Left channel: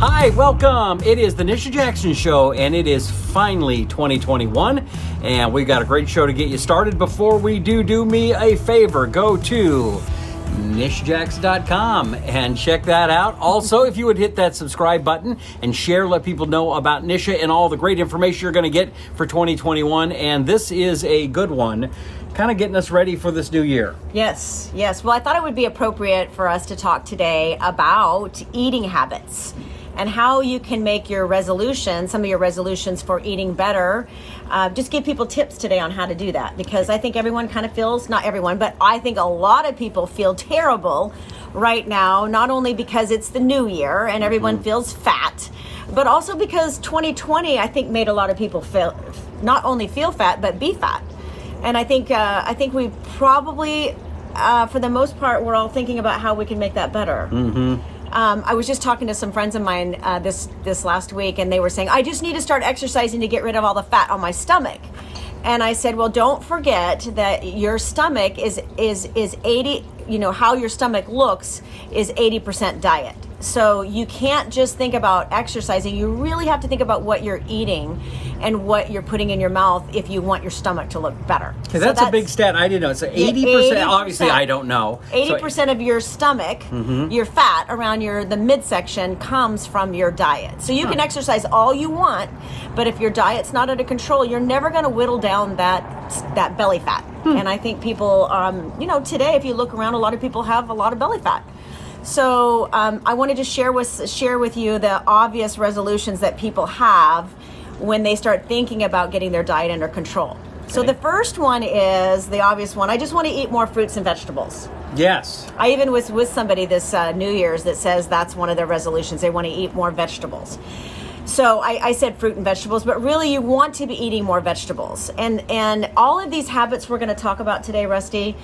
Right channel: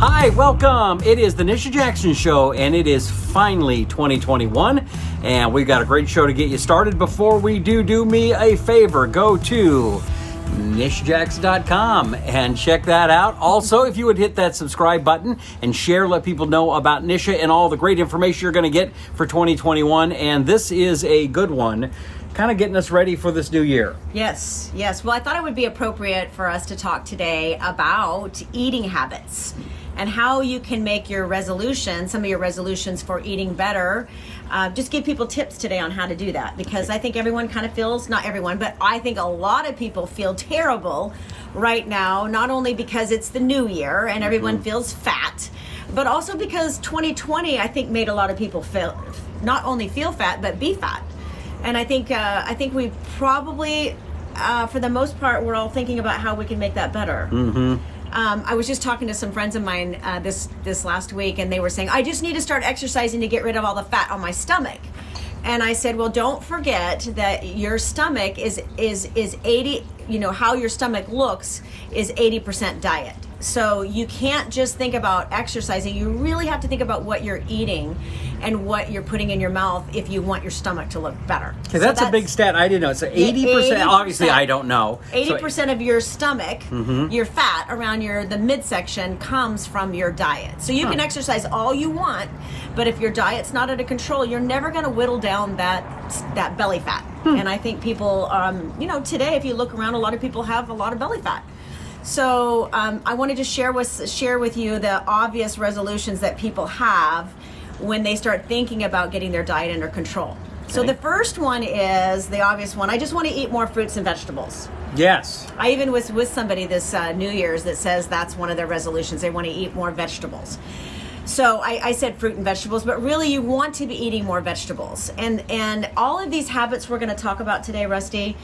Hi, welcome. It is the Nisha Jackson Show, and it is finally 2021, and we've got a great show to get you started. Before we do me a favor, go to NishaJackson.com and check that out. Also, if you would hit that subscribe button and share, let people know about Nisha and all the great information you're going to get for 2021, and this is a good one, kind of getting us ready for this new year. Yes. Well, I thought it would be appropriate for us to talk today about eating habits and how you can make your resolutions, some of your resolutions for eating better. Just give people tips today on how to do that, because I think everyone kind of feels, not everyone, but I think a lot of people feel terrible right now, not only because it's the new year and everyone feels fat, but also because 2020, I think, made a lot of people not only feel fat, but be fat. And I think we probably, for the most part, we're all thinking about how we can make that better. I was just talking to some friends of mine this last week, and they were saying, I just need to start exercising to get rid of all the fat on my stomach. And I said, well, don't forget that your stomach is 80, how your stomach looks is 80% diet. So you can't just think about exercising. You really have to think about what you're eating and what you're putting in your mouth if you want your stomach to look better. Okay, that's a big stat. I didn't know. So 80%, obviously I don't know. 80% of your stomach, your fat around the midsection comes from your diet. So you can exercise all you want, but if your diet's not under control, you're never going to whittle down that belly fat. And I think people, today, if you look around, a lot of people have a lot of belly fat. So I wanted to share with you the obvious resolutions that people have when they start thinking about getting their diet under control. Okay. So the first one is the obvious one. I just want to eat more fruits and vegetables. Yes. I even was with somebody this New Year's that says that's one of their resolutions. They want to eat more vegetables. So I said fruit and vegetables, but really you want to be eating more vegetables. And all of these habits we're going to talk about today, Rusty,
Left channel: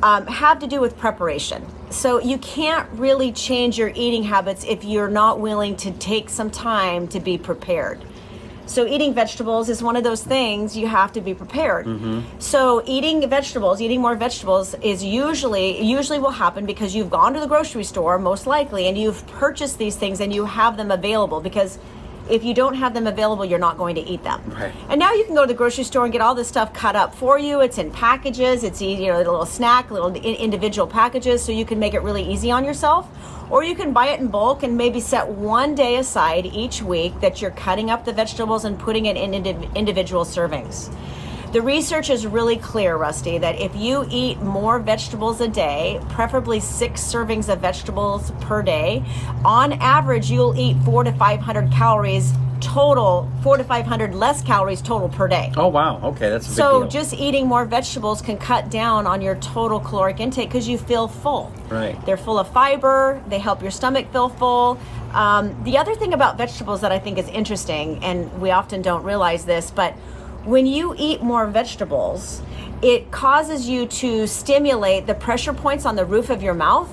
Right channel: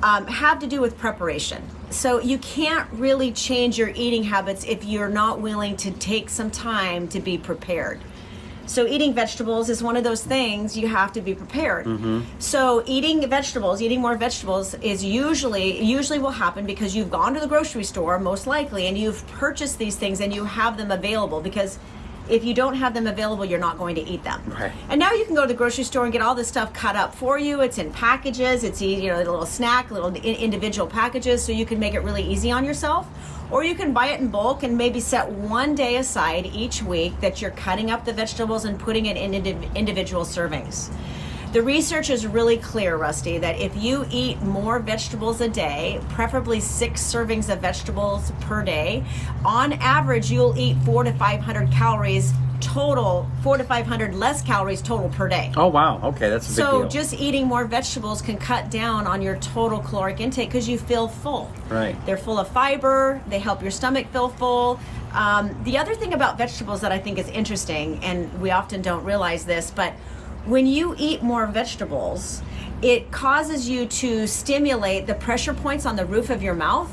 have to do with preparation. So you can't really change your eating habits if you're not willing to take some time to be prepared. So eating vegetables is one of those things you have to be prepared. So eating more vegetables is usually will happen because you've gone to the grocery store, most likely, and you've purchased these things and you have them available, because if you don't have them available, you're not going to eat them. Right. And now you can go to the grocery store and get all this stuff cut up for you. It's in packages. It's easy, a little snack, little individual packages, so you can make it really easy on yourself. Or you can buy it in bulk and maybe set one day aside each week that you're cutting up the vegetables and putting it in individual servings. The research is really clear, Rusty, that if you eat more vegetables a day, preferably 6 servings of vegetables per day, on average, you'll eat 400 to 500 calories total, 400 to 500 less calories total per day. Oh, wow. Okay, that's a big deal. So just eating more vegetables can cut down on your total caloric intake because you feel full. Right. They're full of fiber. They help your stomach feel full. The other thing about vegetables that I think is interesting, and we often don't realize this, but when you eat more vegetables, it causes you to stimulate the pressure points on the roof of your mouth.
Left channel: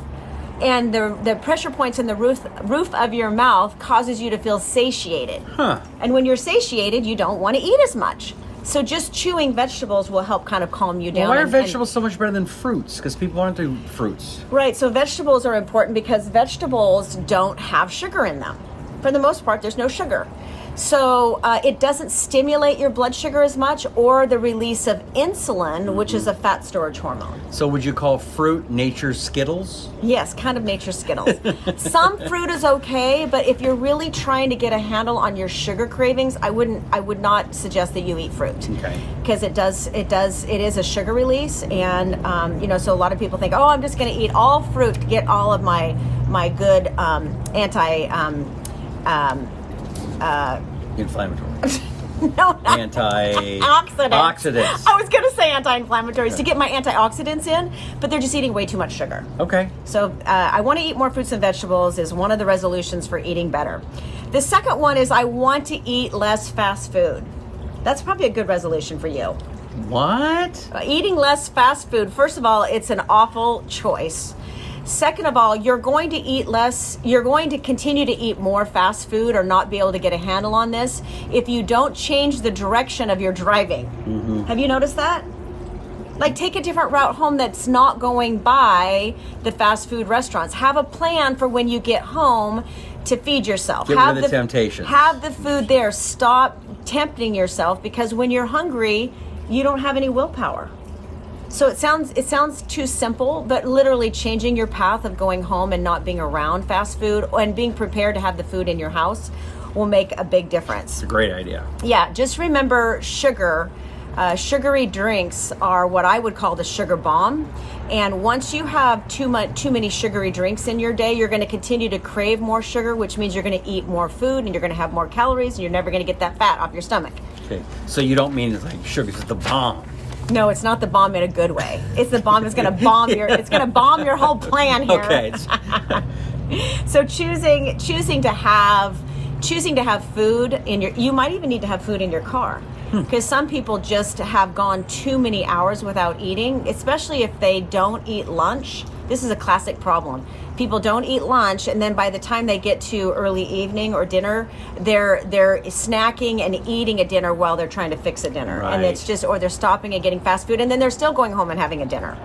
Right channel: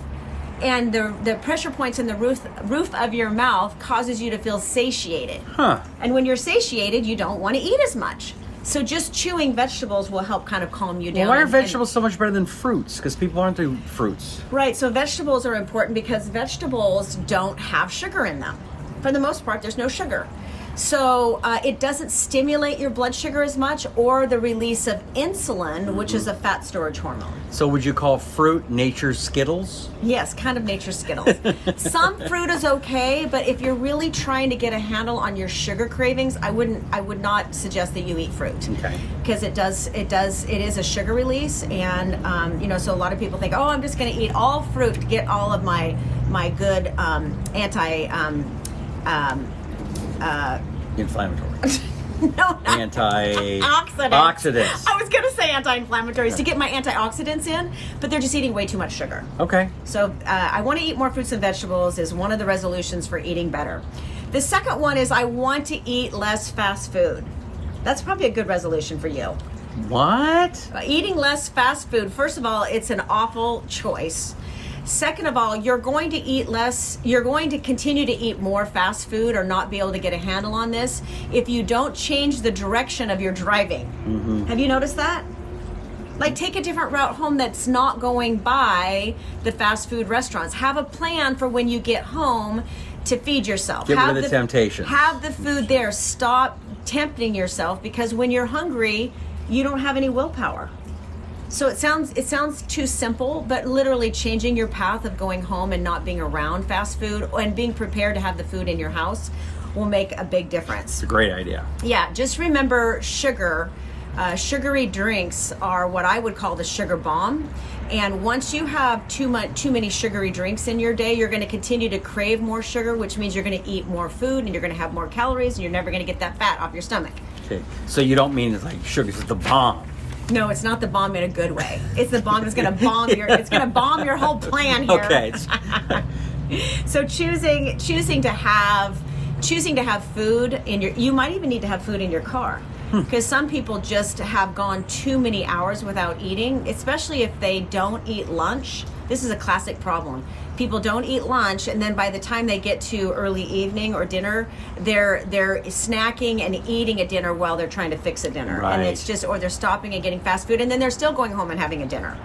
And the pressure points in the roof of your mouth causes you to feel satiated. And when you're satiated, you don't want to eat as much. So just chewing vegetables will help kind of calm you down. Well, why are vegetables so much better than fruits? Because people aren't doing fruits. Right, so vegetables are important because vegetables don't have sugar in them. For the most part, there's no sugar. So it doesn't stimulate your blood sugar as much, or the release of insulin, which is a fat storage hormone. So would you call fruit nature's Skittles? Yes, kind of nature's Skittles. Some fruit is okay, but if you're really trying to get a handle on your sugar cravings, I would not suggest that you eat fruit. Okay. Because it is a sugar release, and so a lot of people think, oh, I'm just going to eat all fruit to get all of my good inflammatory. No, antioxidants. I was going to say anti-inflammatories to get my antioxidants in, but they're just eating way too much sugar. Okay. So I want to eat more fruits and vegetables is one of the resolutions for eating better. The second one is I want to eat less fast food. That's probably a good resolution for you. What? Eating less fast food. First of all, it's an awful choice. Second of all, you're going to eat less, you're going to continue to eat more fast food or not be able to get a handle on this if you don't change the direction of your driving. Have you noticed that? Like, take a different route home that's not going by the fast food restaurants. Have a plan for when you get home to feed yourself. Get rid of the temptation. Have the food there. Stop tempting yourself, because when you're hungry, you don't have any willpower. So it sounds too simple, but literally changing your path of going home and not being around fast food and being prepared to have the food in your house will make a big difference. It's a great idea. Yeah, just remember sugar. Sugary drinks are what I would call the sugar bomb. And once you have too many sugary drinks in your day, you're going to continue to crave more sugar, which means you're going to eat more food and you're going to have more calories, and you're never going to get that fat off your stomach. Okay, so you don't mean it's like sugar, it's the bomb. No, it's not the bomb in a good way. It's the bomb that's going to bomb it's going to bomb your whole plan here. Okay. So choosing to have food you might even need to have food in your car. Because some people just have gone too many hours without eating, especially if they don't eat lunch. This is a classic problem. People don't eat lunch, and then by the time they get to early evening or dinner, they're snacking and eating a dinner while they're trying to fix a dinner. Right. And it's just, or they're stopping and getting fast food, and then they're still going home and having a dinner.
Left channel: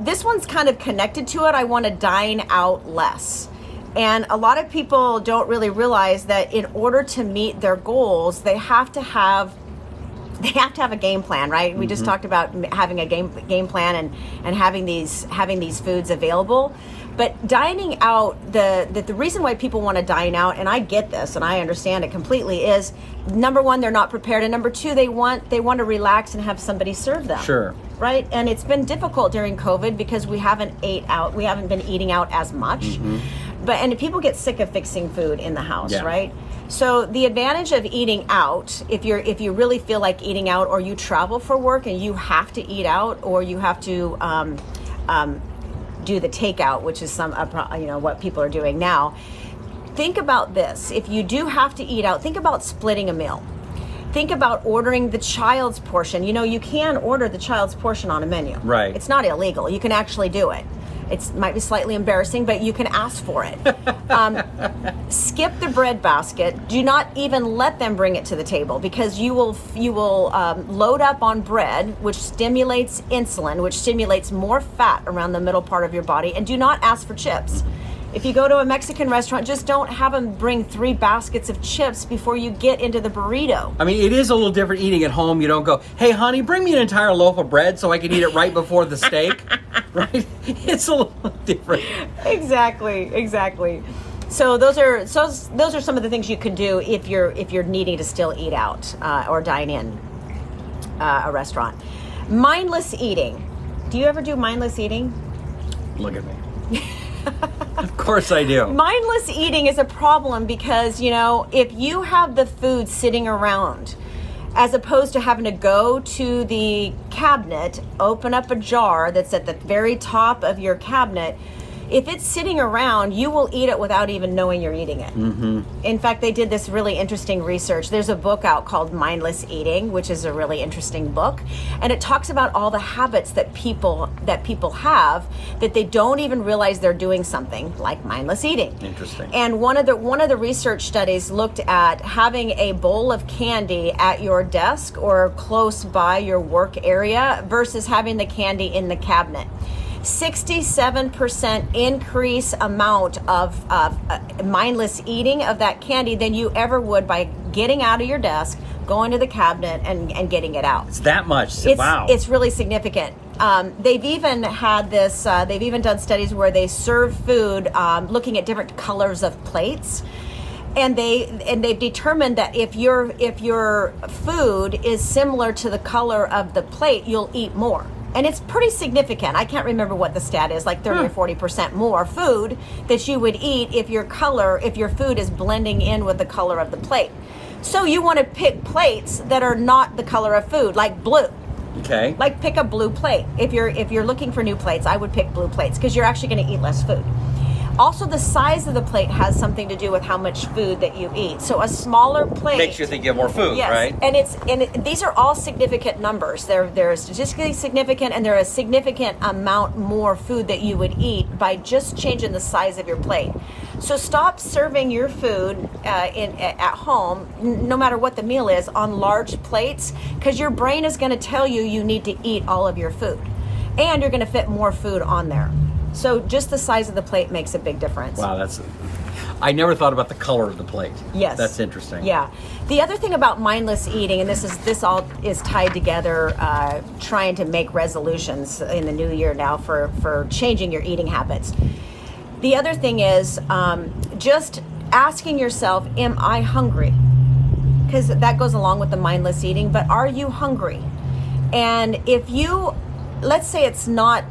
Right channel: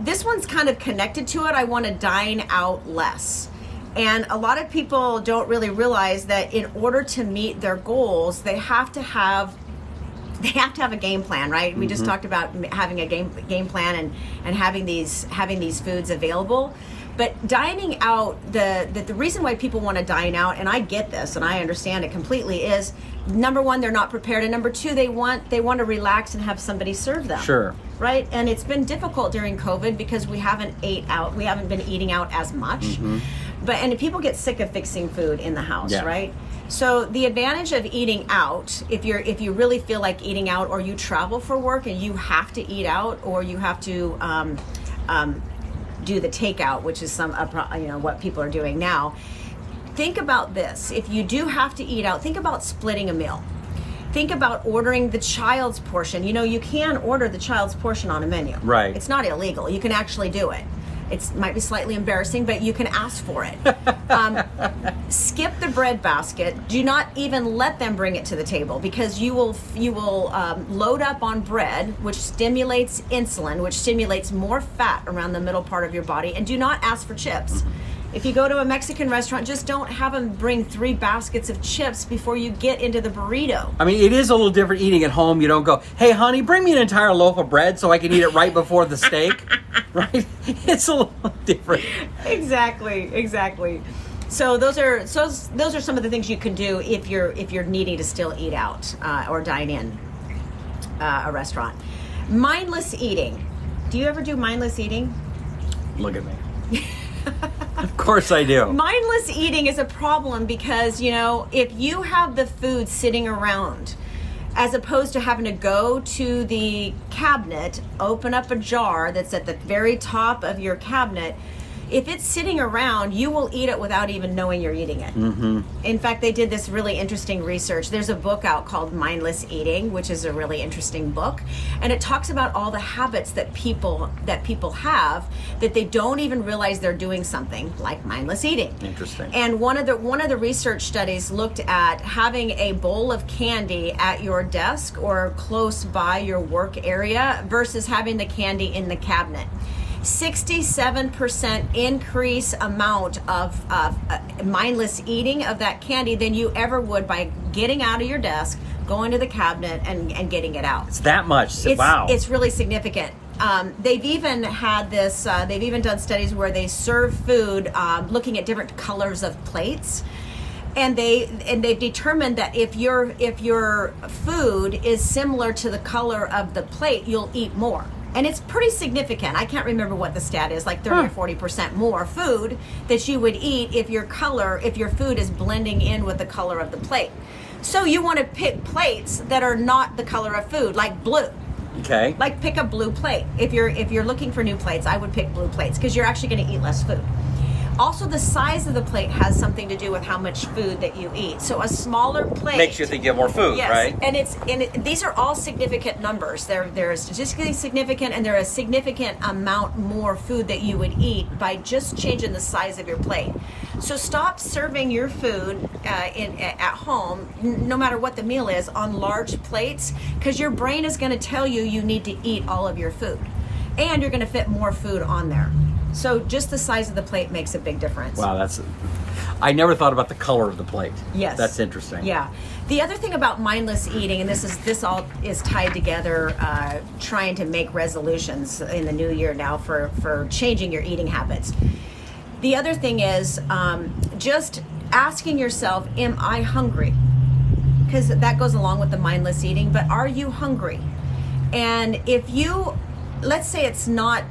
This one's kind of connected to it. I want to dine out less. And a lot of people don't really realize that in order to meet their goals, they have to have a game plan, right? We just talked about having a game plan and having these foods available. But dining out, the reason why people want to dine out, and I get this and I understand it completely, is number one, they're not prepared, and number two, they want to relax and have somebody serve them. Sure. Right? And it's been difficult during COVID because we haven't been eating out as much. And people get sick of fixing food in the house, right? So the advantage of eating out, if you really feel like eating out, or you travel for work and you have to eat out, or you have to do the takeout, which is what people are doing now. Think about this. If you do have to eat out, think about splitting a meal. Think about ordering the child's portion. You can order the child's portion on a menu. Right. It's not illegal. You can actually do it. It might be slightly embarrassing, but you can ask for it. Skip the bread basket. Do not even let them bring it to the table, because you will load up on bread, which stimulates insulin, which stimulates more fat around the middle part of your body. And do not ask for chips. If you go to a Mexican restaurant, just don't have them bring 3 baskets of chips before you get into the burrito. I mean, it is a little different eating at home. You don't go, hey, honey, bring me an entire loaf of bread so I can eat it right before the steak. Right? It's a little different. Exactly. So those are some of the things you can do if you're needing to still eat out or dine in a restaurant. Mindless eating. Do you ever do mindless eating? Look at me. Of course I do. Mindless eating is a problem because, if you have the food sitting around, as opposed to having to go to the cabinet, open up a jar that's at the very top of your cabinet, if it's sitting around, you will eat it without even knowing you're eating it. In fact, they did this really interesting research. There's a book out called Mindless Eating, which is a really interesting book, and it talks about all the habits that people have that they don't even realize they're doing something, like mindless eating. Interesting. And one of the research studies looked at having a bowl of candy at your desk or close by your work area versus having the candy in the cabinet. 67% increase amount of mindless eating of that candy than you ever would by getting out of your desk, going to the cabinet, and getting it out. It's that much. Wow. It's really significant. They've even had this. They've even done studies where they serve food, looking at different colors of plates. And they've determined that if your food is similar to the color of the plate, you'll eat more. And it's pretty significant. I can't remember what the stat is, like 30 or 40% more food that you would eat if your food is blending in with the color of the plate. So you want to pick plates that are not the color of food, like blue. Okay. Like pick a blue plate. If you're looking for new plates, I would pick blue plates because you're actually going to eat less food. Also, the size of the plate has something to do with how much food that you eat. So a smaller plate makes you think you have more food, yes. Right? And these are all significant numbers. They're statistically significant, and they're a significant amount more food that you would eat by just changing the size of your plate. So stop serving your food at home, no matter what the meal is, on large plates, because your brain is going to tell you need to eat all of your food, and you're going to fit more food on there. So just the size of the plate makes a big difference. Wow, I never thought about the color of the plate. Yes. That's interesting. Yeah. The other thing about mindless eating, and this all is tied together, trying to make resolutions in the new year now for changing your eating habits. The other thing is just asking yourself, am I hungry? Because that goes along with the mindless eating, but are you hungry? And if you, let's say it's not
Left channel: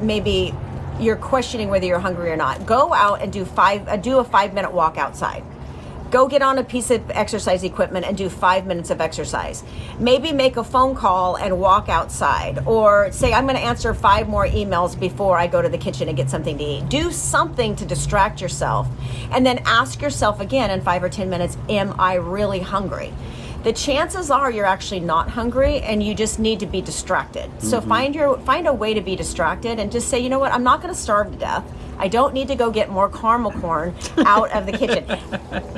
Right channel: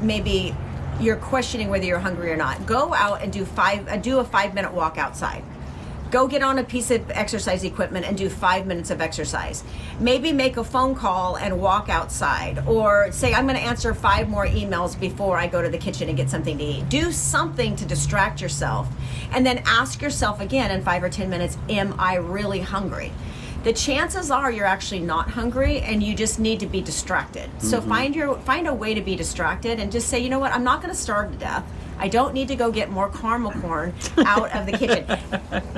maybe you're questioning whether you're hungry or not, go out and do a 5-minute walk outside. Go get on a piece of exercise equipment and do 5 minutes of exercise. Maybe make a phone call and walk outside, or say, I'm going to answer 5 more emails before I go to the kitchen and get something to eat. Do something to distract yourself, and then ask yourself again in 5 or 10 minutes, am I really hungry? The chances are you're actually not hungry, and you just need to be distracted. So find a way to be distracted and just say, you know what, I'm not going to starve to death. I don't need to go get more caramel corn out of the kitchen.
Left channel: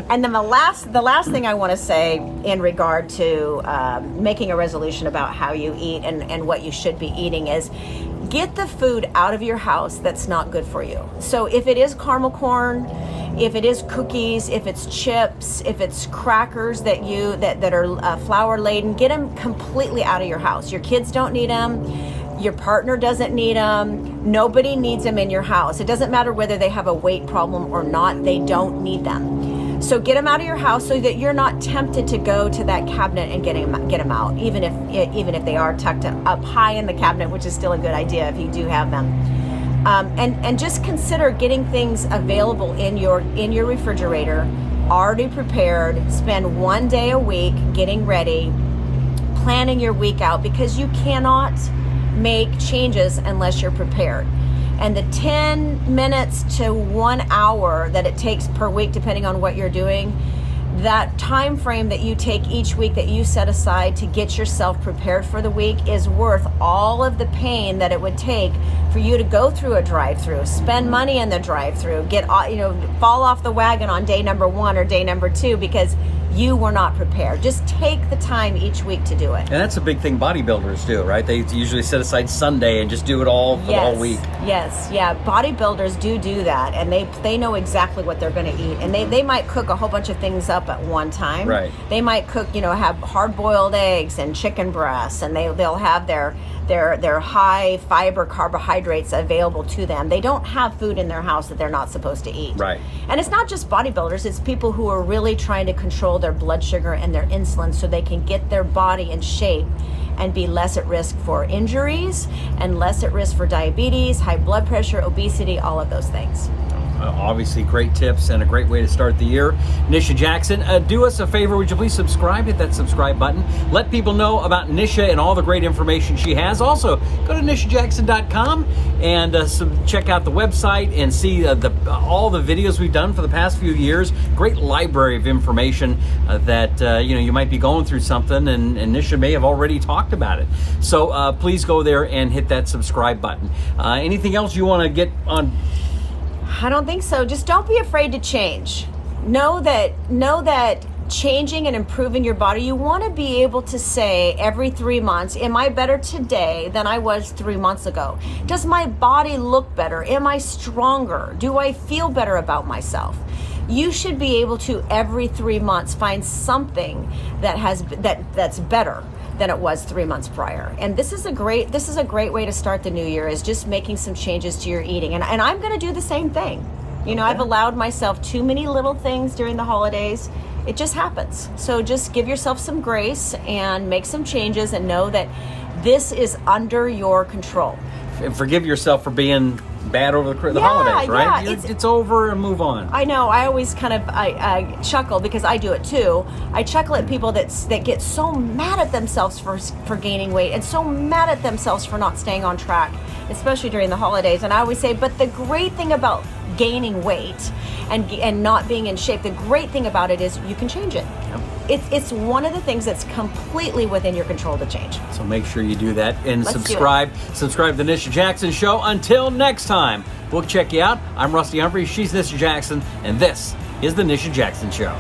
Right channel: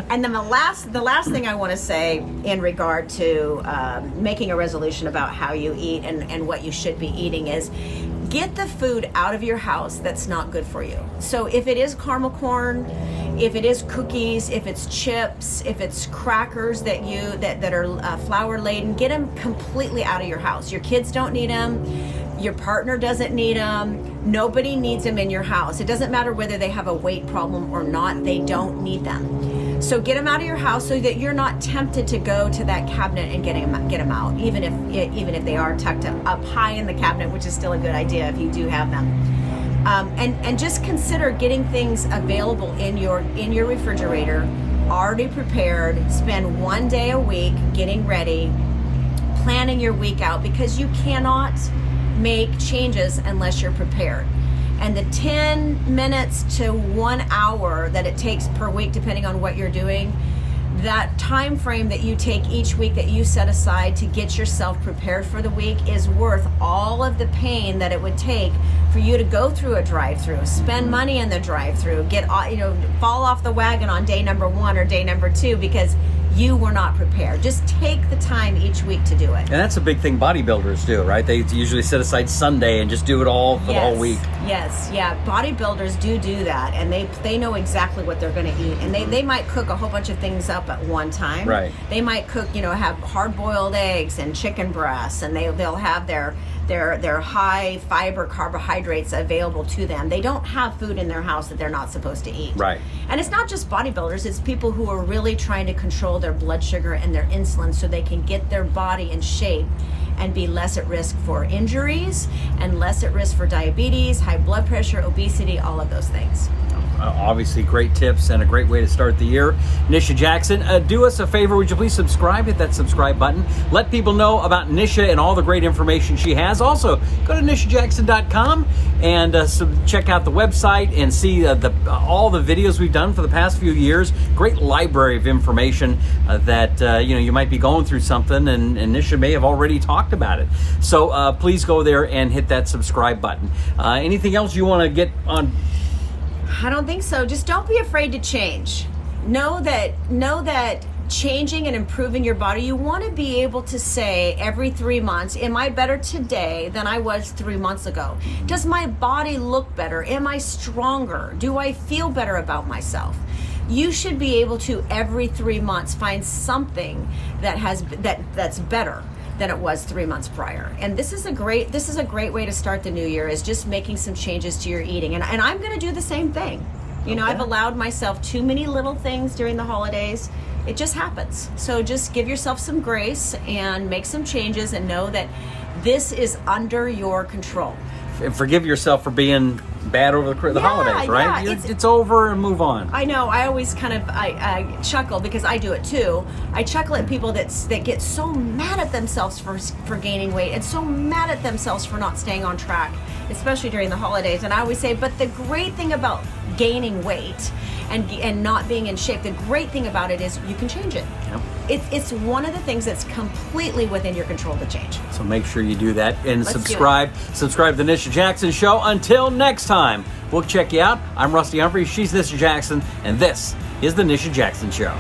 And then the last thing I want to say in regard to making a resolution about how you eat and what you should be eating is get the food out of your house that's not good for you. So if it is caramel corn, if it is cookies, if it's chips, if it's crackers that are flour laden, get them completely out of your house. Your kids don't need them. Your partner doesn't need them. Nobody needs them in your house. It doesn't matter whether they have a weight problem or not. They don't need them. So get them out of your house so that you're not tempted to go to that cabinet and get them out, even if they are tucked up high in the cabinet, which is still a good idea if you do have them. And just consider getting things available in your refrigerator, already prepared. Spend 1 day a week getting ready, planning your week out, because you cannot make changes unless you're prepared. And the 10 minutes to 1 hour that it takes per week, depending on what you're doing, that time frame that you take each week that you set aside to get yourself prepared for the week is worth all of the pain that it would take for you to go through a drive-through, spend money in the drive-through, fall off the wagon on day number 1 or day number 2 because you were not prepared. Just take the time each week to do it. And that's a big thing bodybuilders do, right? They usually set aside Sunday and just do it all for the whole week. Yes, yeah. Bodybuilders do that, and they know exactly what they're going to eat. And they might cook a whole bunch of things up at one time. Right. They might cook, have hard-boiled eggs and chicken breasts, and they'll have their high fiber carbohydrates available to them. They don't have food in their house that they're not supposed to eat. Right. And it's not just bodybuilders, it's people who are really trying to control their blood sugar and their insulin so they can get their body in shape and be less at risk for injuries and less at risk for diabetes, high blood pressure, obesity, all of those things. Obviously, great tips and a great way to start the year. Nisha Jackson, do us a favor. Would you please subscribe? Hit that subscribe button. Let people know about Nisha and all the great information she has. Also, go to nishajackson.com and check out the website and see all the videos we've done for the past few years. Great library of information that you might be going through something, and Nisha may have already talked about it. So please go there and hit that subscribe button. Anything else you want to get on? I don't think so. Just don't be afraid to change. Know that changing and improving your body, you want to be able to say every 3 months, am I better today than I was 3 months ago? Does my body look better? Am I stronger? Do I feel better about myself? You should be able to every 3 months find something that's better than it was 3 months prior. And this is a great way to start the new year, is just making some changes to your eating. And I'm going to do the same thing. I've allowed myself too many little things during the holidays. It just happens. So just give yourself some grace and make some changes and know that this is under your control. And forgive yourself for being bad over the holidays, right? Yeah, it's over and move on. I know. I always kind of I chuckle because I do it too. I chuckle at people that get so mad at themselves for gaining weight and so mad at themselves for not staying on track, especially during the holidays. And I always say, but the great thing about gaining weight and not being in shape, the great thing about it is you can change it. Yep. It's one of the things that's completely within your control to change. So make sure you do that and subscribe to the Nisha Jackson Show. Until next time, we'll check you out. I'm Rusty Humphries, she's Nisha Jackson, and this is the Nisha Jackson Show.